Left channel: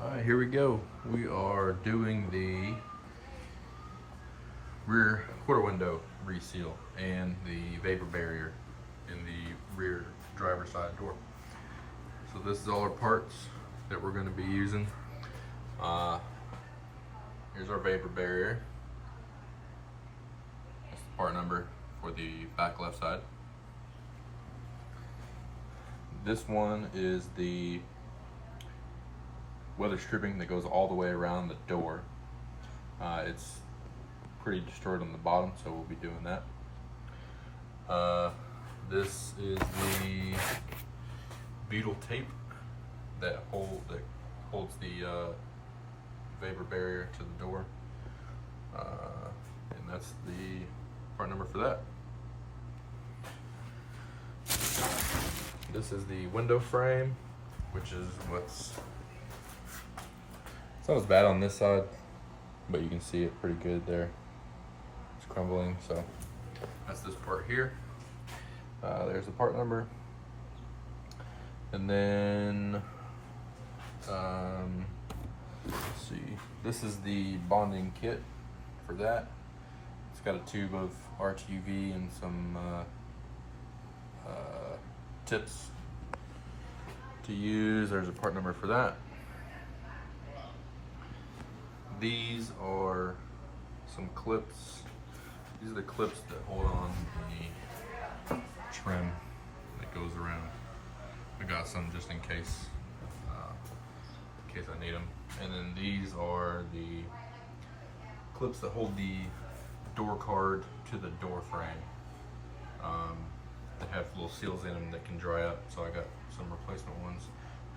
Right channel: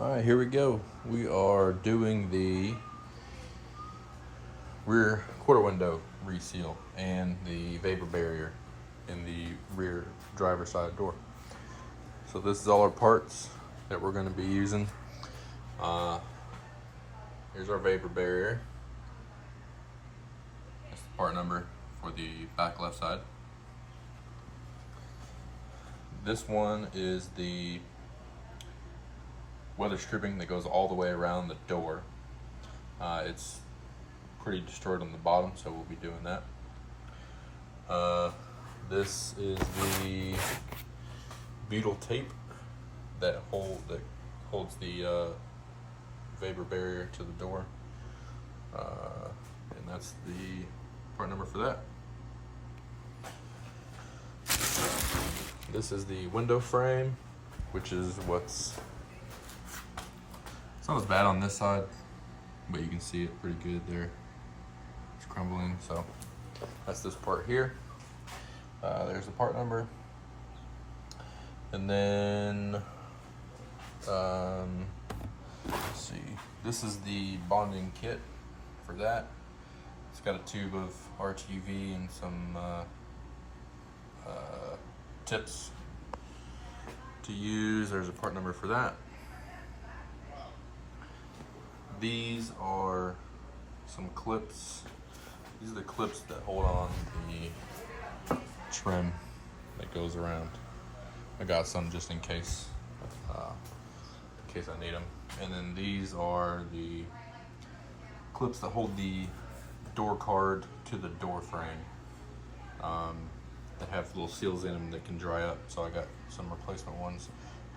All right, here we go. We are doing the rear quarter window reseal and the vapor barrier in the rear driver's side door. So this is all our parts that we're going to be using. Here's our vapor barrier. That's the part number for the back left side. This one is the weather stripping that goes all the way around the door. It's pretty destroyed on the bottom, so we'll be doing that. This is the butyl tape that holds the vapor barrier to the door, and that's the part number for that. This is the window frame, which is it's not as bad on this side, but you can see it pretty good there. It's crumbling, so that's this part here. There's the part number. And then, let's see, this is the bonding kit for that. It's got a tube of RTV and some tips to use. There's a part number for that. These are some clips. These are the clips that hold on the trim that goes around. I got some just in case I need them. And then these are the clips that hold the door card to the door frame. They have little seals in them that can dry up, so I got some replacement ones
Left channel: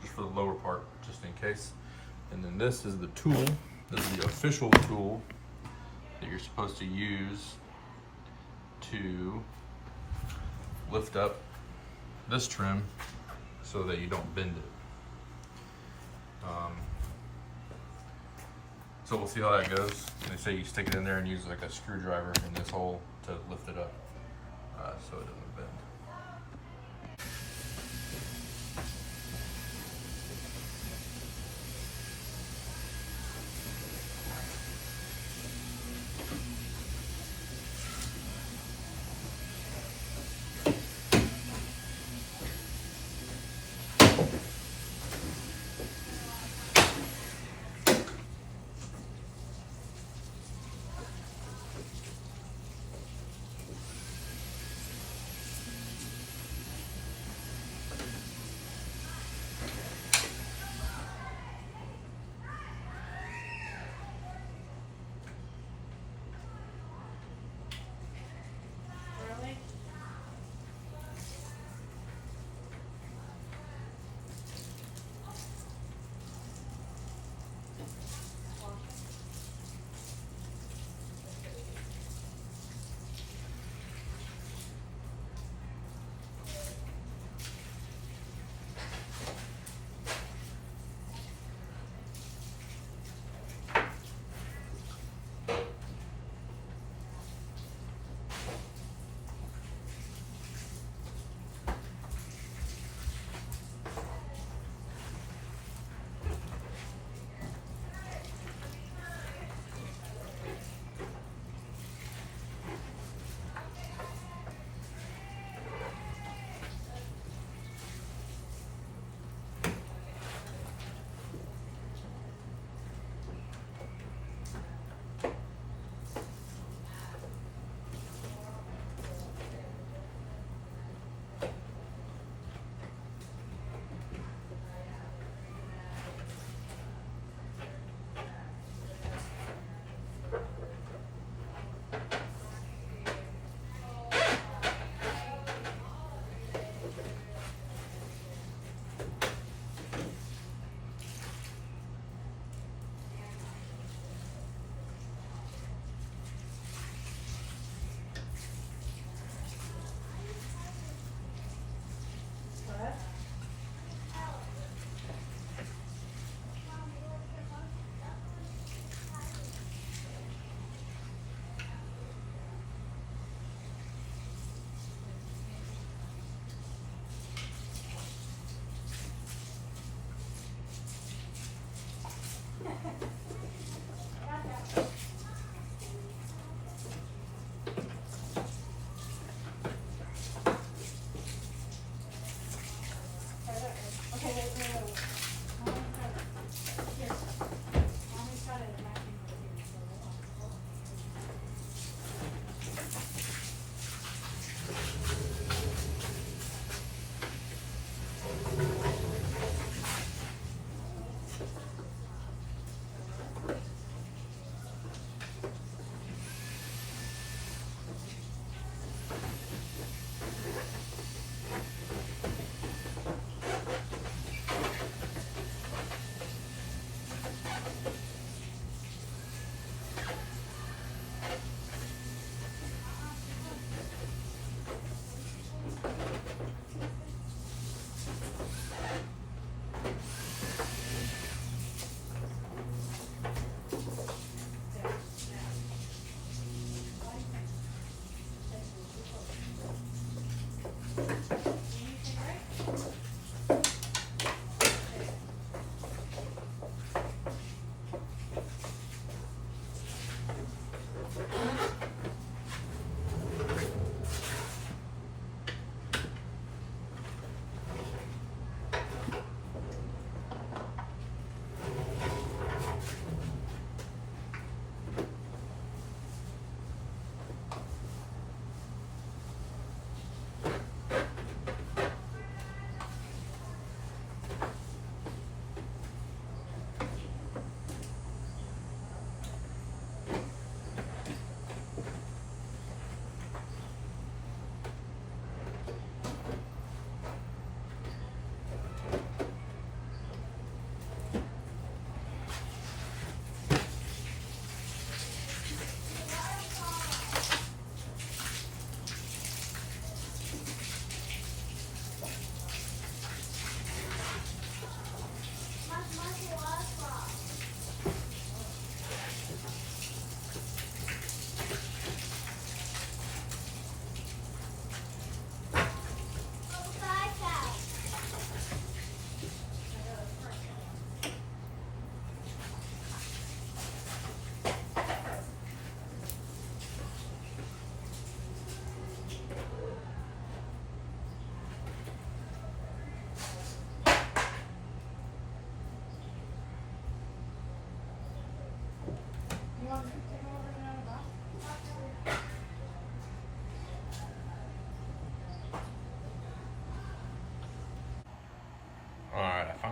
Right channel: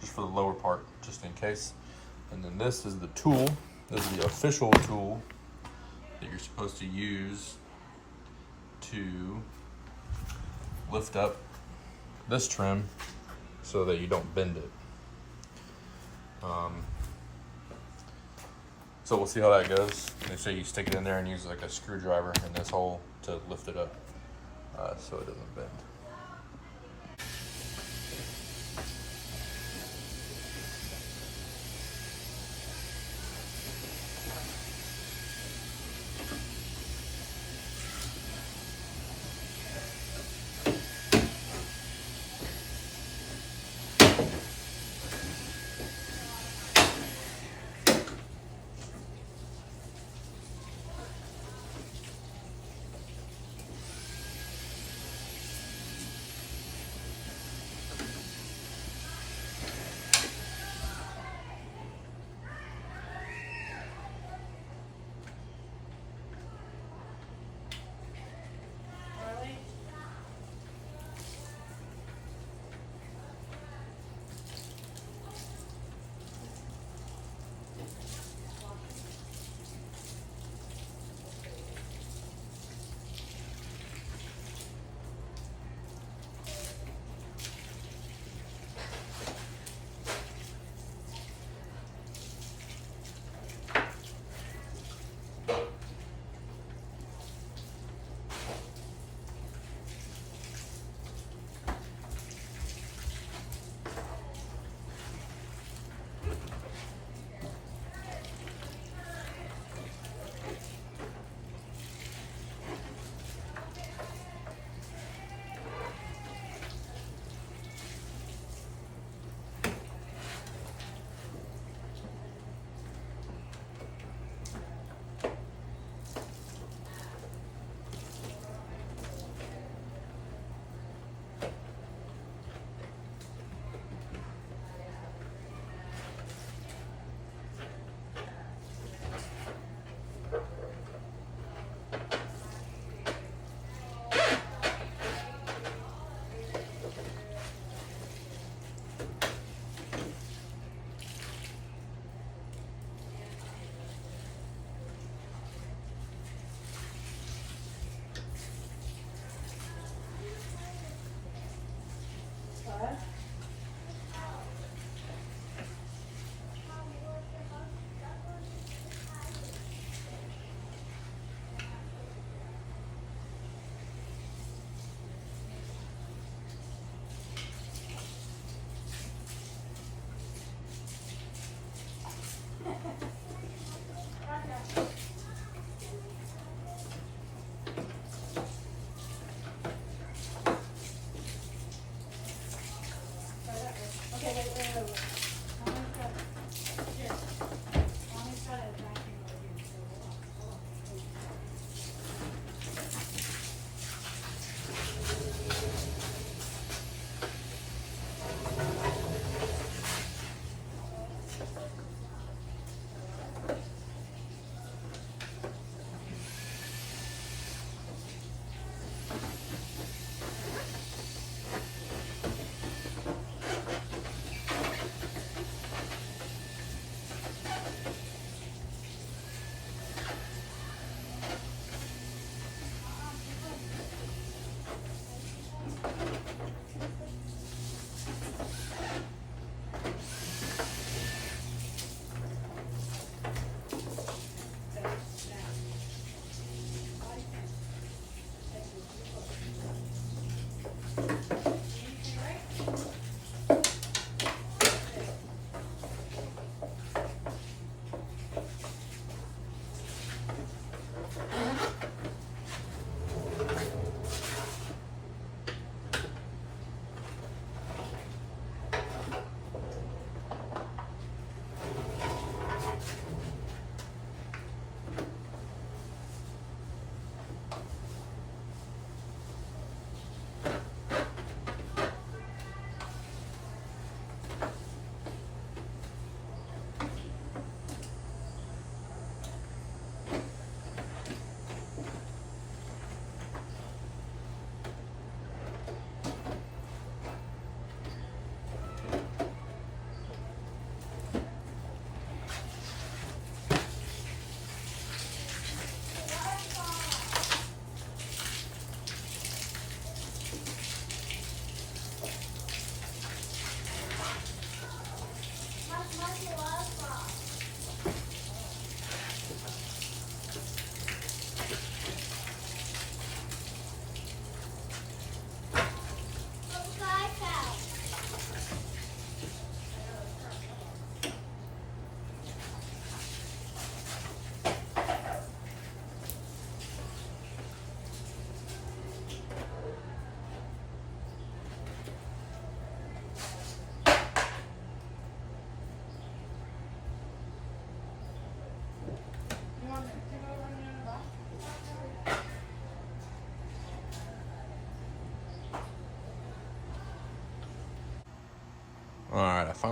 just for the lower part, just in case. And then this is the tool. This is the official tool that you're supposed to use to lift up this trim so that you don't bend it. So we'll see how that goes. They say you stick it in there and use like a screwdriver in this hole to lift it up so it doesn't bend.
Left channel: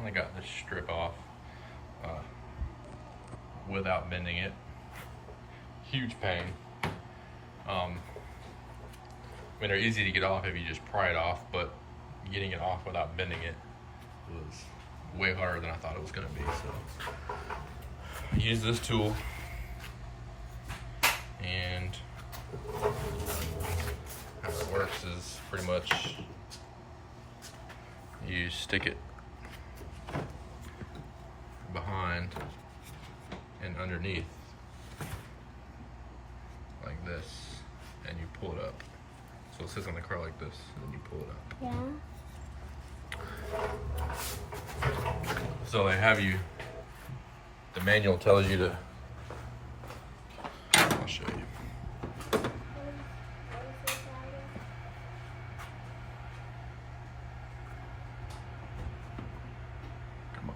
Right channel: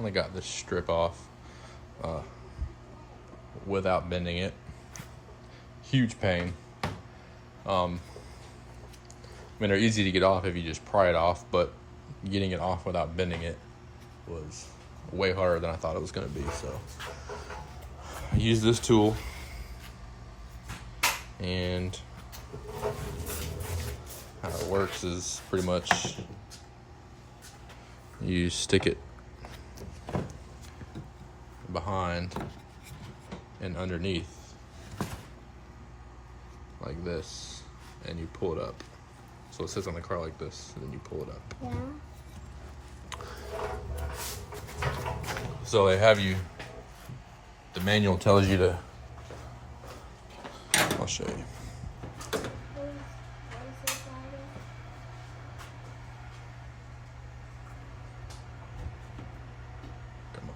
finally got this strip off without bending it. Huge pain. I mean, they're easy to get off if you just pry it off, but getting it off without bending it was way harder than I thought it was going to be. So I used this tool, and how it works is pretty much you stick it behind and underneath like this, and you pull it up. So it sits on the car like this, and then you pull it up. Yeah. So they have you, the manual tells you to, I'll show you. Come on.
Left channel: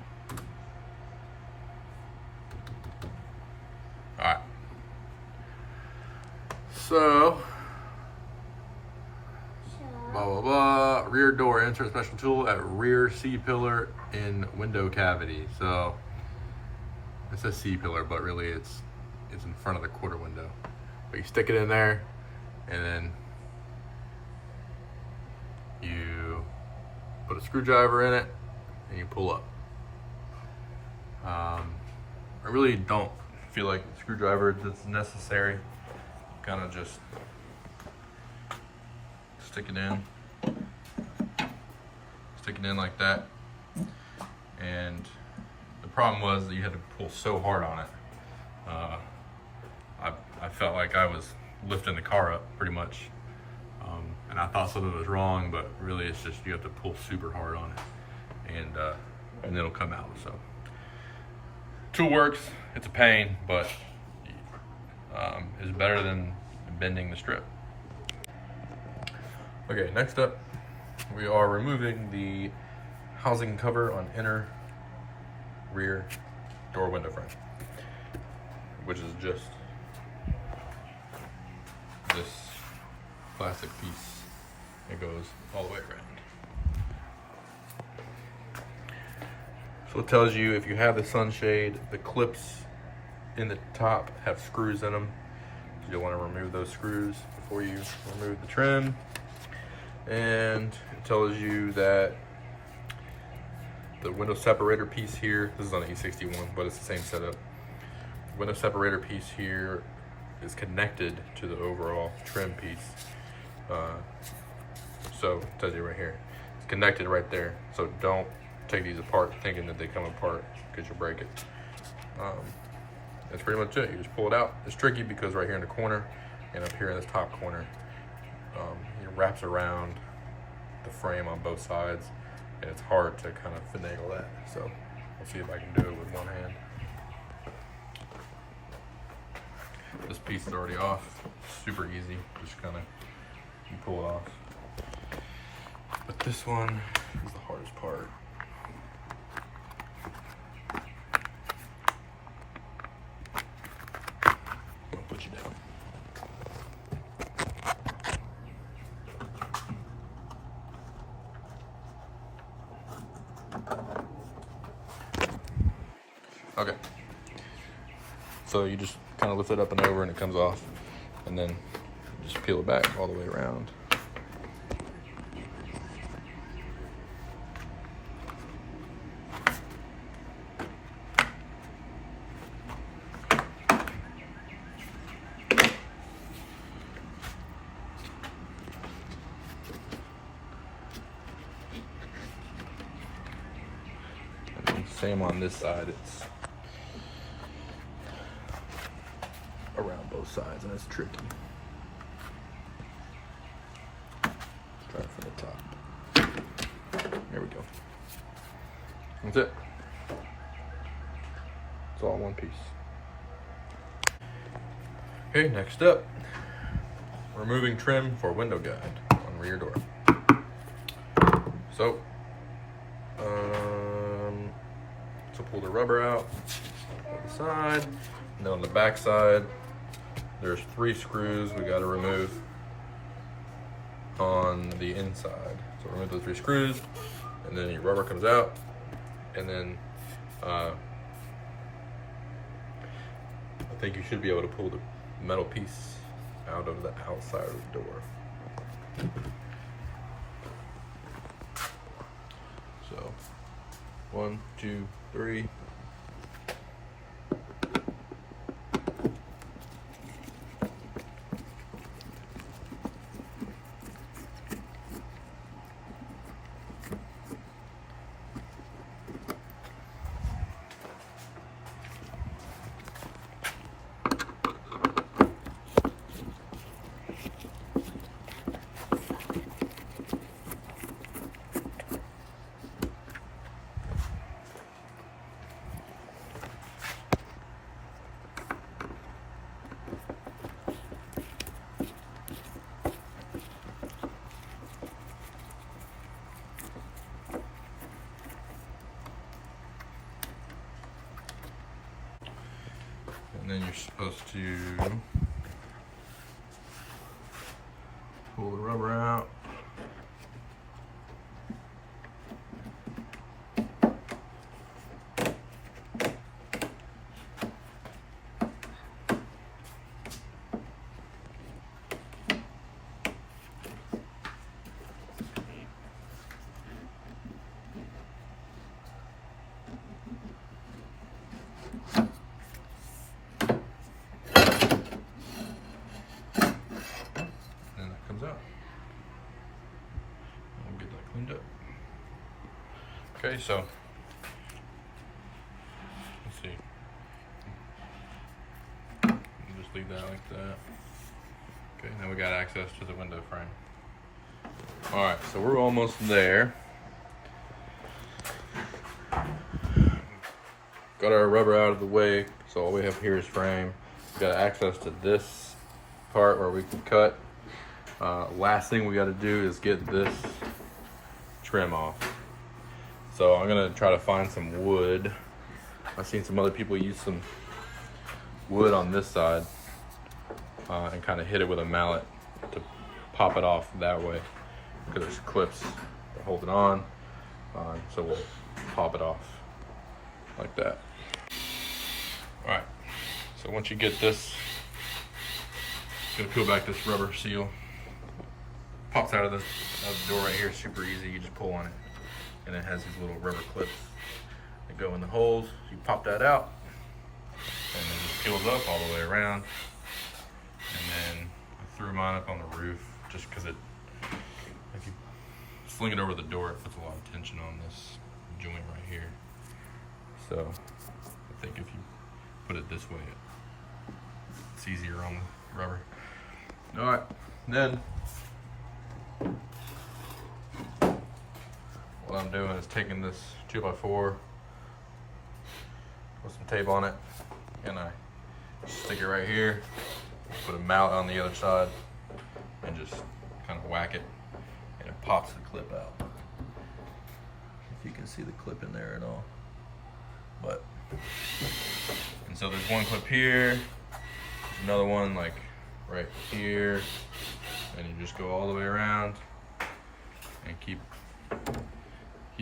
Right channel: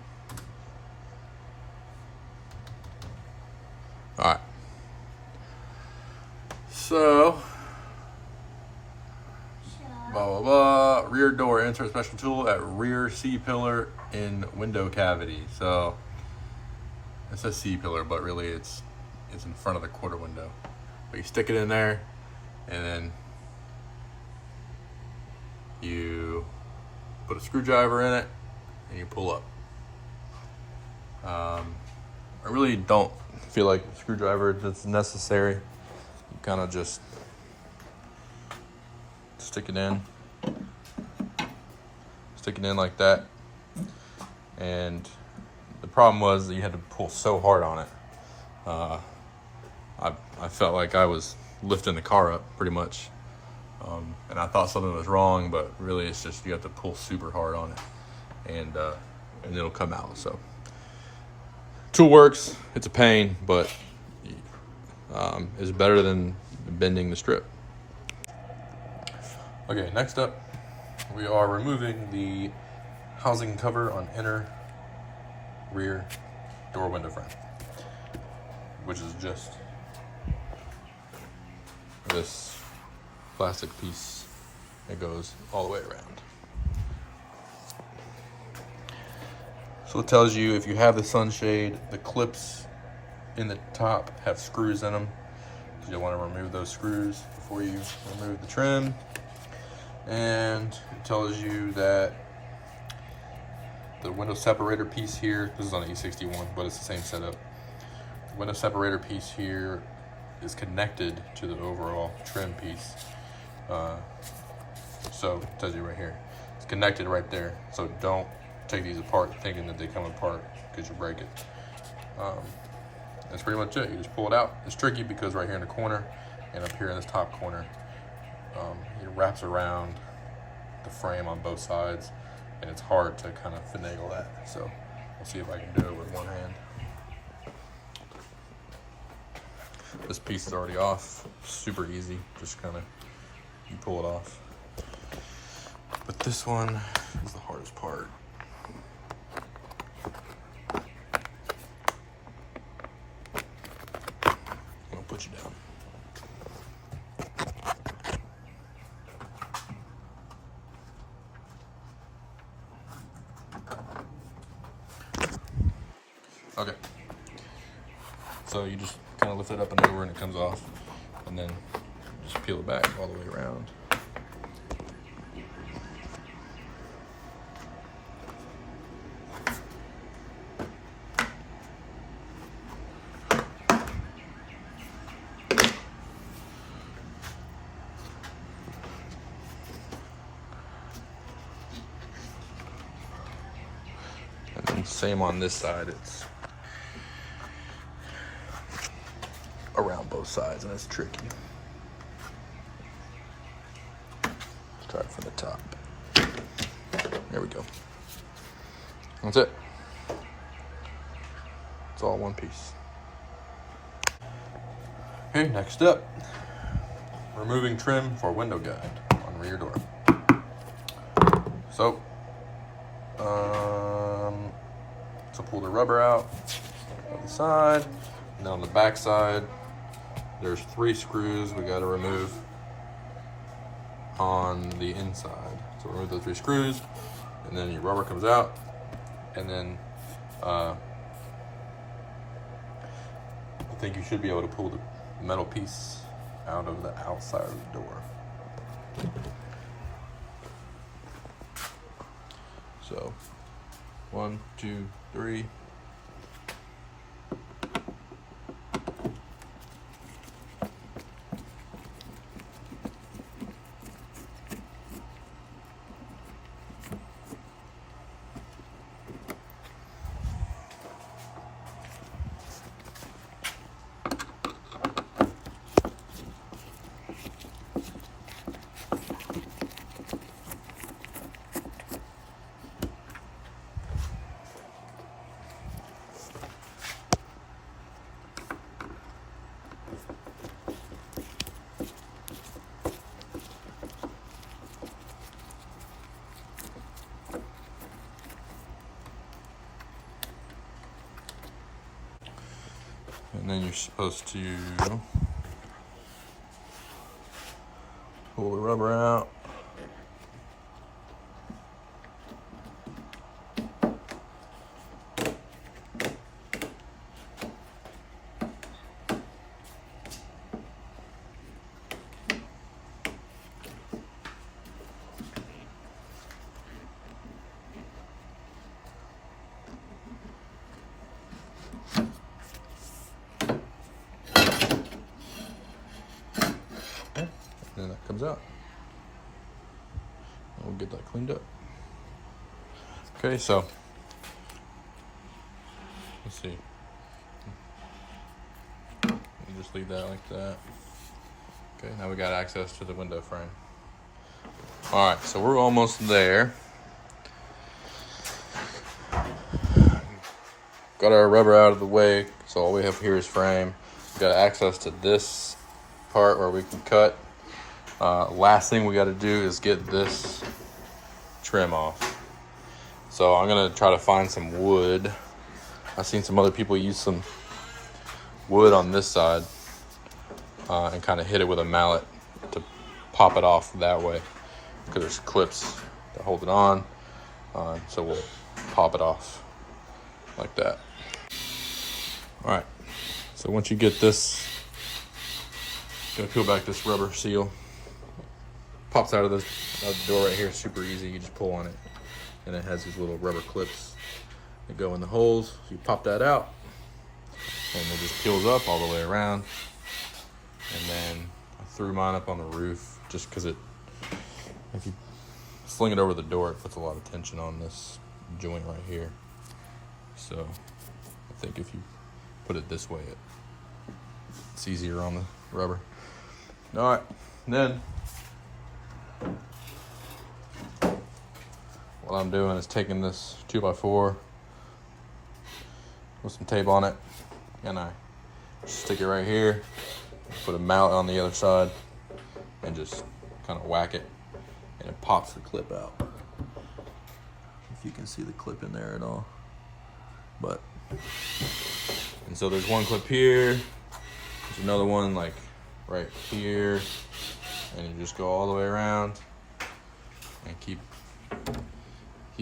All right. So, blah, blah, blah. Rear door, insert special tool at rear C-pillar in window cavity. So, it says C-pillar, but really it's in front of the quarter window. But you stick it in there, and then you put a screwdriver in it, and you pull up. I really don't feel like a screwdriver that's necessary. You kind of just stick it in like that. And the problem was that you had to pull so hard on it. I felt like I was lifting the car up pretty much. And I thought something was wrong, but really it's just you have to pull super hard on it, and it'll come out. So tool works. It's a pain, but it's better than bending the strip. Okay, next up, we are removing the housing cover on inner rear door window frame, which is just this plastic piece that goes all the way around. So it tells you if you have the sunshade, the clips in the top have screws in them. So you'll want to remove those screws before you remove the trim. And it tells you that the window separator piece here, this is on the E61, but it's the same setup. Window separator piece here is connected to the overall trim piece. So it tells you right here, it's connected right there. So don't take these apart thinking that they come apart, because you'll break it. That's pretty much it. You just pull it out. It's tricky because right here in the corner and up here in this top corner, it wraps around the frame on both sides, and it's hard to kind of finagle that. So I'll see if I can do it with one hand. This piece is already off, super easy, just kind of, you pull it off. But this one is the hardest part. I'll put you down. Okay. So you just kind of lift it up and over and it comes off, and then just peel it back all the way around. And then same on this side, it's around both sides, and it's tricky. Let's try it from the top. There we go. That's it. It's all one piece. Okay, next up, removing trim for window guide on rear door. So pull the rubber out on the side, and then on the back side, there's 3 screws we got to remove on the inside. So remove those 3 screws, and then your rubber comes out, And then I think you should be able to pull the metal piece out of the outside of the door. So 1, 2, 3. And then you're supposed to pull the rubber out. And that comes out. We'll get that cleaned up. Okay, so let's see. We'll just leave that like that. Okay, now we got access to the window frame. All right, so we're almost there. Got our rubber out of the way, so all we have here is frame. We got access to this part where we can cut. Last thing we got to do is get this trim off. So I'm gonna try to find some wood. I've seen some other people use some wood on this side and kind of hit it with a mallet to pop it off that way, because there's clips to hold it on. So we'll pop it off like that. All right, so once you get this, gonna peel back this rubber seal. Pops out of the door right here, super easy. You just pull on it, and it has these little rubber clips that go in the holes. You pop that out, and it just peels up all the way around. And then I threw mine up on the roof just because if you sling it over the door, it puts a lot of tension on this joint right here. So I think if you put it this way, it's easier on the rubber. All right, then what I'm doing is taking this 2x4 with some tape on it, and I stick it right here, put a mallet on the other side, and just kind of whack it, and it pops the clip out. If you can see the clip in there at all. But, and so there's one clip here, there's another one like right here, and you just go all the way around and keep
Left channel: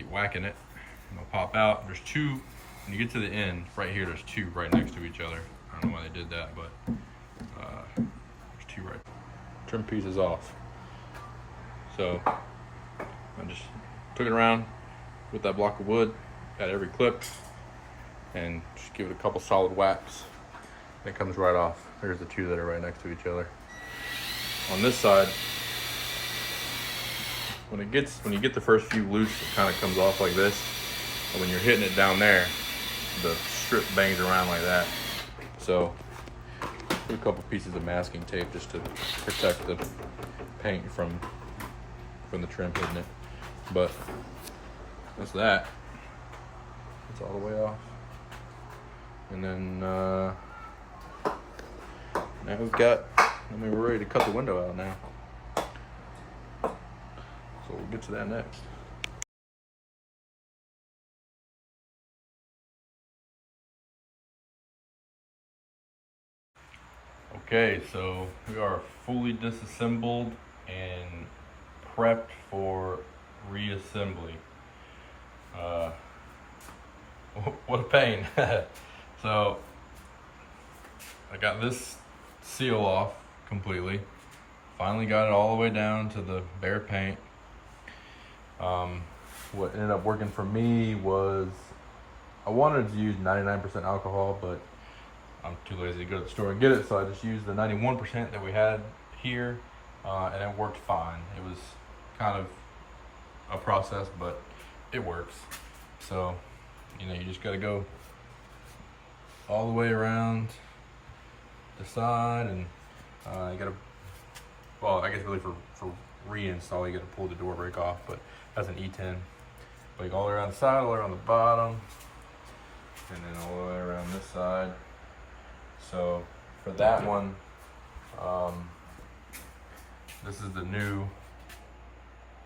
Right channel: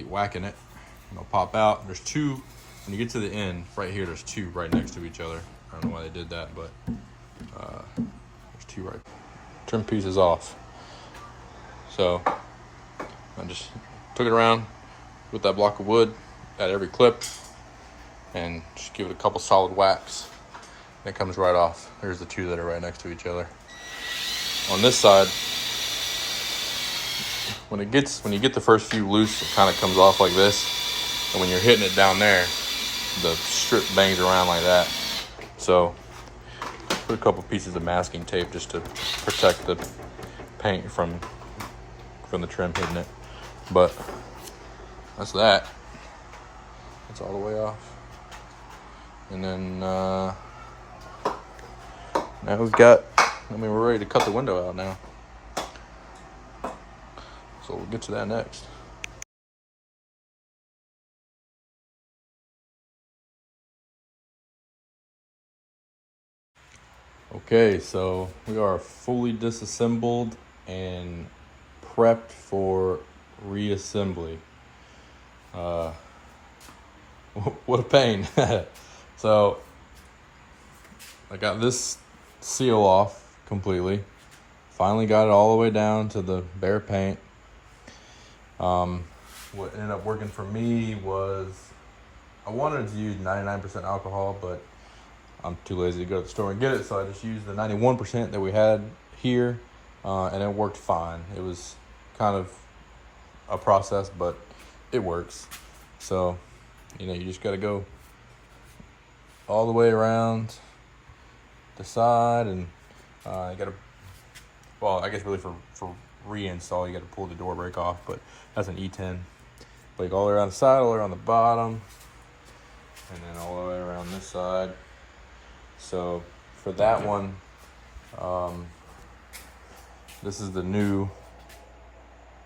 whacking it, and they'll pop out. There's two, when you get to the end, right here, there's two right next to each other. I don't know why they did that, but there's two right. Trim pieces off. So I just took it around with that block of wood at every clip and just give it a couple solid whacks. And it comes right off. There's the two that are right next to each other. On this side, when you get the first few loose, it kind of comes off like this. And when you're hitting it down there, the strip bangs around like that. So put a couple pieces of masking tape just to protect the paint from the trim hitting it. But that's that. It's all the way off. And then now we're ready to cut the window out now. So we'll get to that next. Okay, so we are fully disassembled and prepped for reassembly. what a pain. So I got this seal off completely. Finally got it all the way down to the bare paint. What ended up working for me was I wanted to use 99% alcohol, but I'm too lazy to go to the store and get it, so I just used the 91% that we had here, and it worked fine. It was kind of a process, but it works. So, you know, you just gotta go all the way around the side, and you gotta, well, I guess really for reinstall, you gotta pull the door brake off, but that's an E10. Like all the way around the side, all the way around the bottom, and then all the way around this side. So for that one, this is the new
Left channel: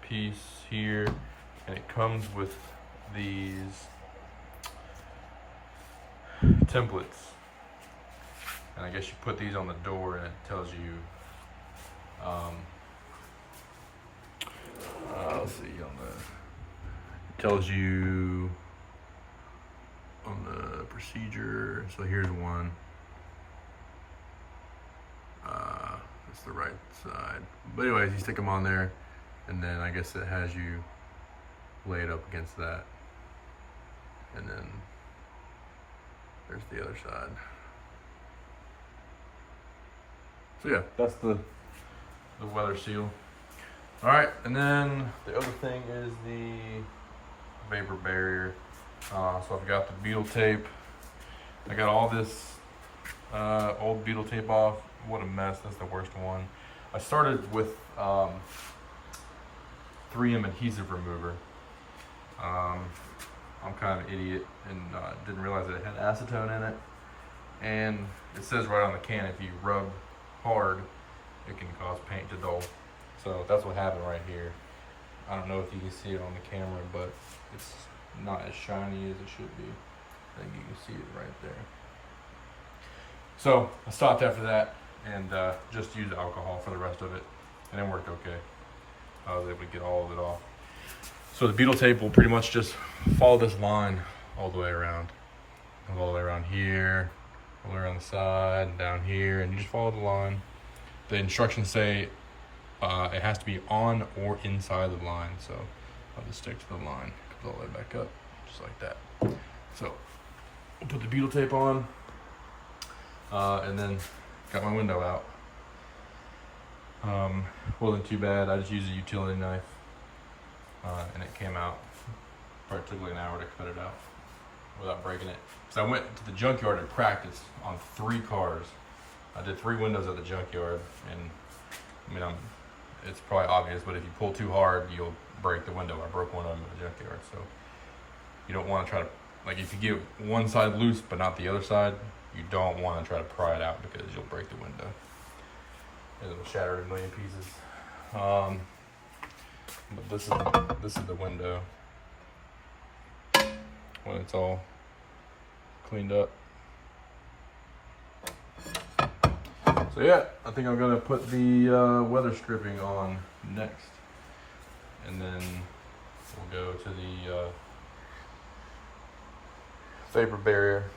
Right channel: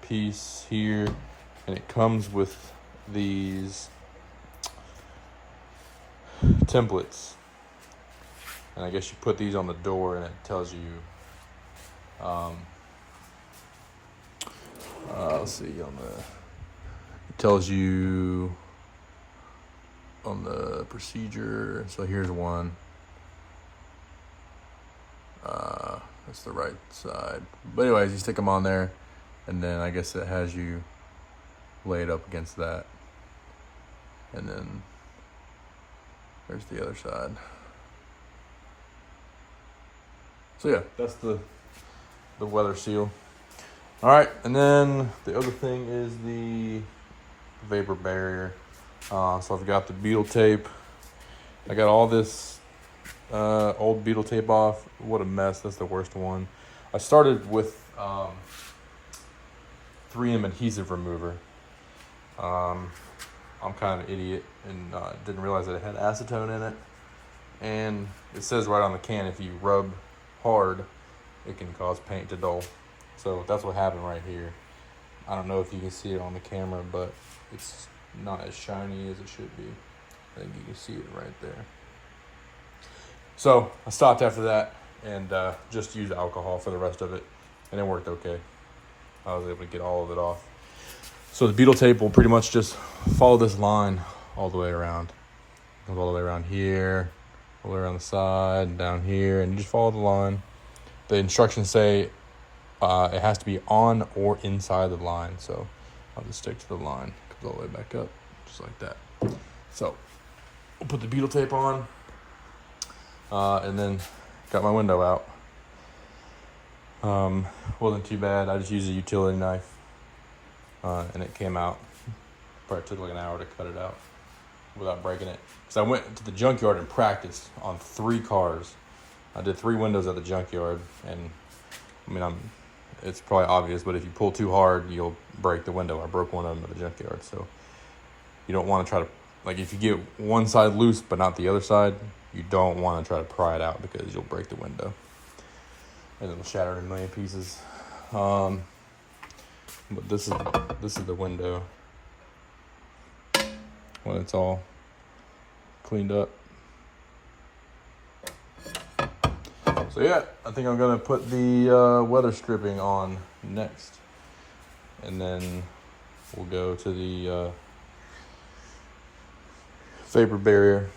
piece here, and it comes with these templates. And I guess you put these on the door, and it tells you, let's see, it tells you on the procedure. So here's one. That's the right side. But anyways, you stick them on there, and then I guess it has you lay it up against that. And then there's the other side. So yeah, that's the weather seal. All right, and then the other thing is the vapor barrier. So I've got the beetle tape. I got all this old beetle tape off. What a mess. That's the worst one. I started with 3M adhesive remover. I'm kind of an idiot and didn't realize that it had acetone in it. And it says right on the can, if you rub hard, it can cause paint to dull. So that's what happened right here. I don't know if you can see it on the camera, but it's not as shiny as it should be. I think you can see it right there. So I stopped after that and just used alcohol for the rest of it, and it worked okay. I was able to get all of it off. So the beetle tape will pretty much just follow this line all the way around. It goes all the way around here, all the way around the side, down here, and you just follow the line. The instructions say it has to be on or inside the line, so I'll just stick to the line. It goes all the way back up, just like that. So we'll put the beetle tape on, and then got my window out. Wasn't too bad. I just used a utility knife, and it came out. Probably took like an hour to cut it out without breaking it. Because I went to the junkyard and practiced on 3 cars. I did 3 windows at the junkyard, and I mean, it's probably obvious, but if you pull too hard, you'll break the window. I broke one of them at the junkyard, so you don't want to try to, like, if you get one side loose but not the other side, you don't want to try to pry it out because you'll break the window and it'll shatter in a million pieces. But this is the window when it's all cleaned up. So yeah, I think I'm gonna put the weather stripping on next, and then we'll go to the vapor barrier.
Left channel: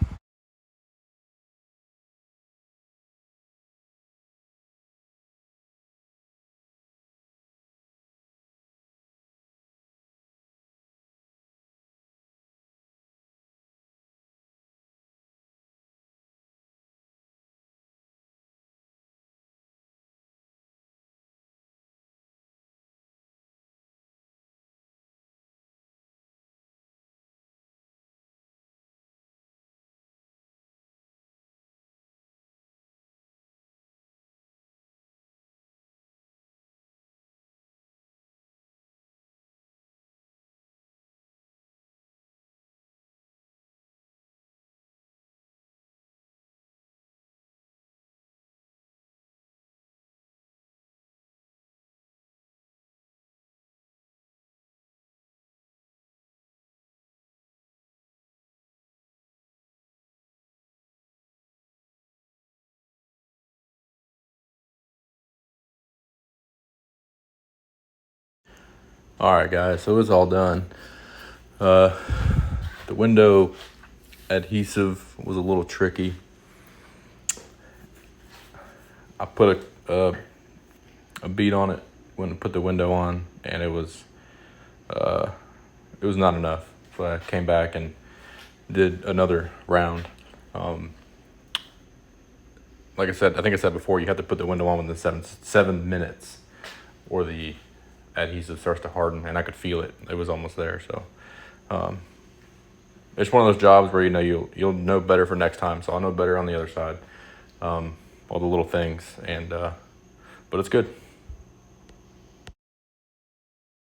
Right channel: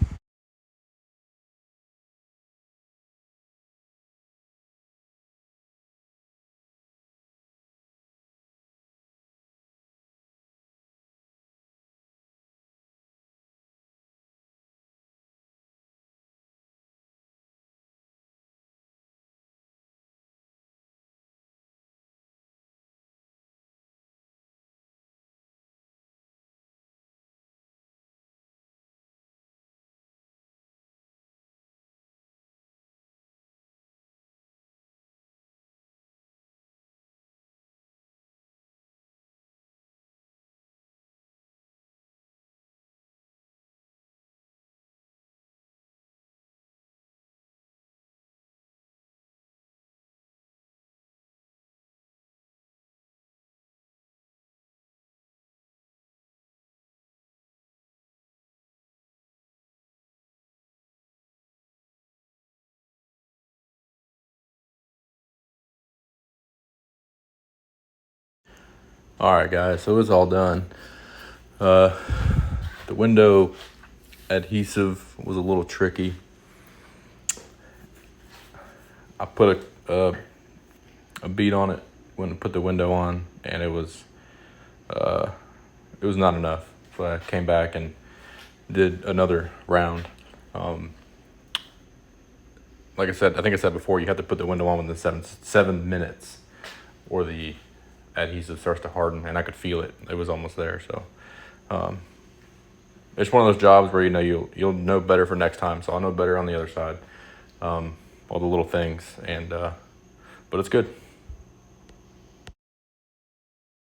All right, guys, so it's all done. The window adhesive was a little tricky. I put a bead on it when I put the window on, and it was not enough. So I came back and did another round. Like I said, I think I said before, you have to put the window on within 7 minutes, or the adhesive starts to harden, and I could feel it. It was almost there. So it's one of those jobs where you'll know better for next time. So I'll know better on the other side, all the little things, and but it's good.